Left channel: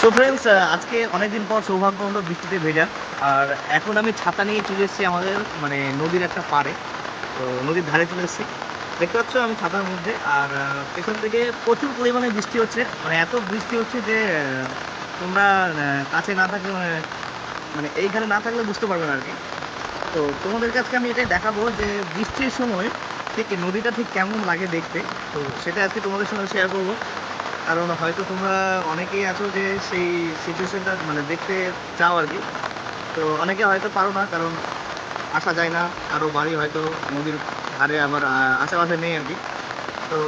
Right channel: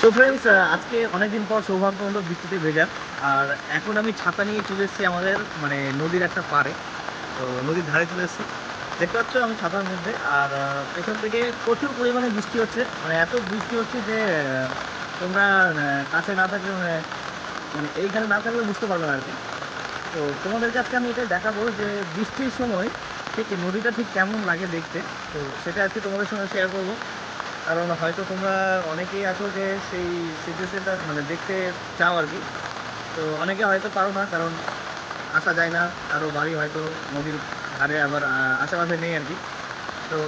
So friends আজকে অনেকদিন পর সৌভাগ্য হলো বৃষ্টিতে ভেজা। আর এখন আমি ছাতা নিয়ে চলে এসেছি আমাদের মানে নদীর একটা পাড়ে। তো নদীর ধারে চলে এসেছি। দেখতে পাচ্ছ আমি ছাতার মধ্যে। আর পেছন থেকে প্রচুর পরিমাণে বৃষ্টি হচ্ছে। মানে এত বৃষ্টি হচ্ছে যে তোমরা কাছে না থাকলে মানে মানে এইখানে না থাকলে বুঝতে পারবে না আর কি। তো তোমাদের কাছে আমি এটাই দেখাবো যে, বৃষ্টির সময় ঠিক নদীটা ঠিক কেমন লাগে দেখতে। তো সেটা আজকে তোমাদের সঙ্গে শেয়ার করব। কারণ হয়তো তোমরা অনেকেই আছো যে সেই সিচুয়েশনটা মানে দেখতে চাও আর কি। তো অনেকে হয়তো পারো না, কারণ আসা যায় না। আরও বাড়ি হয়তো নদীর ধারে আবার আশেপাশে নেই আর কি। তো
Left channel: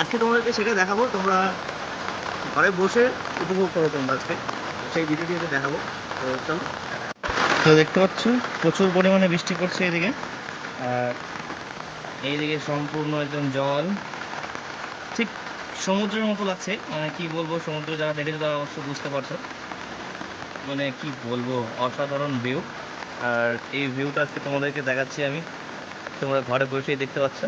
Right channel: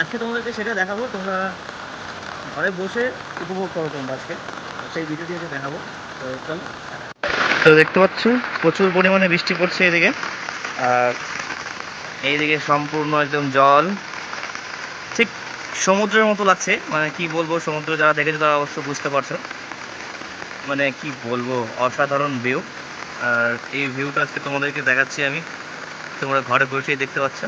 আজকে তোমাদেরকে সেটা দেখাবো। তোমরা ঘরে বসে উপভোগ করো তোমরা আজকে। সেই ভিডিওটি দেখাবো। তো চলো। তো দেখতে পাচ্ছ, প্রচুর পরিমাণে বৃষ্টি পড়ছে এদিকে। আর এইদিকে সম্পূর্ণ একদম জল। সমুদ্রের মতো লাগছে। মানে কি বলব, সমুদ্র যারা দেখেছে তারা অবশ্য বুঝতে পারছ। মানে কি বলব, অসাধারণ ভিউ আর এই ভিউটা আজকে তোমাদেরকে দেখাচ্ছি আমি। তোমরা ঘরে বসেই দেখতে পাচ্ছ।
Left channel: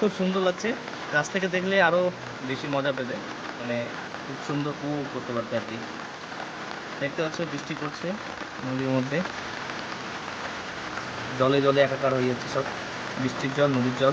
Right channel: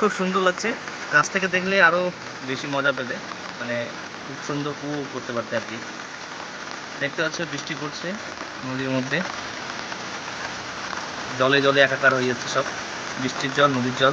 খুব সুন্দর লাগছে। গাছ থেকে দেখলে আরও বেশি মজা পেলে মানে খুব সুন্দর উপভোগ করতে পারতে আর কি। দেখতে পাচ্ছ, বৃষ্টি পড়ছে নদীর মধ্যে। জলে জলে একাকার হয়ে যাচ্ছে সব। বৃষ্টির জল, নদীর জল।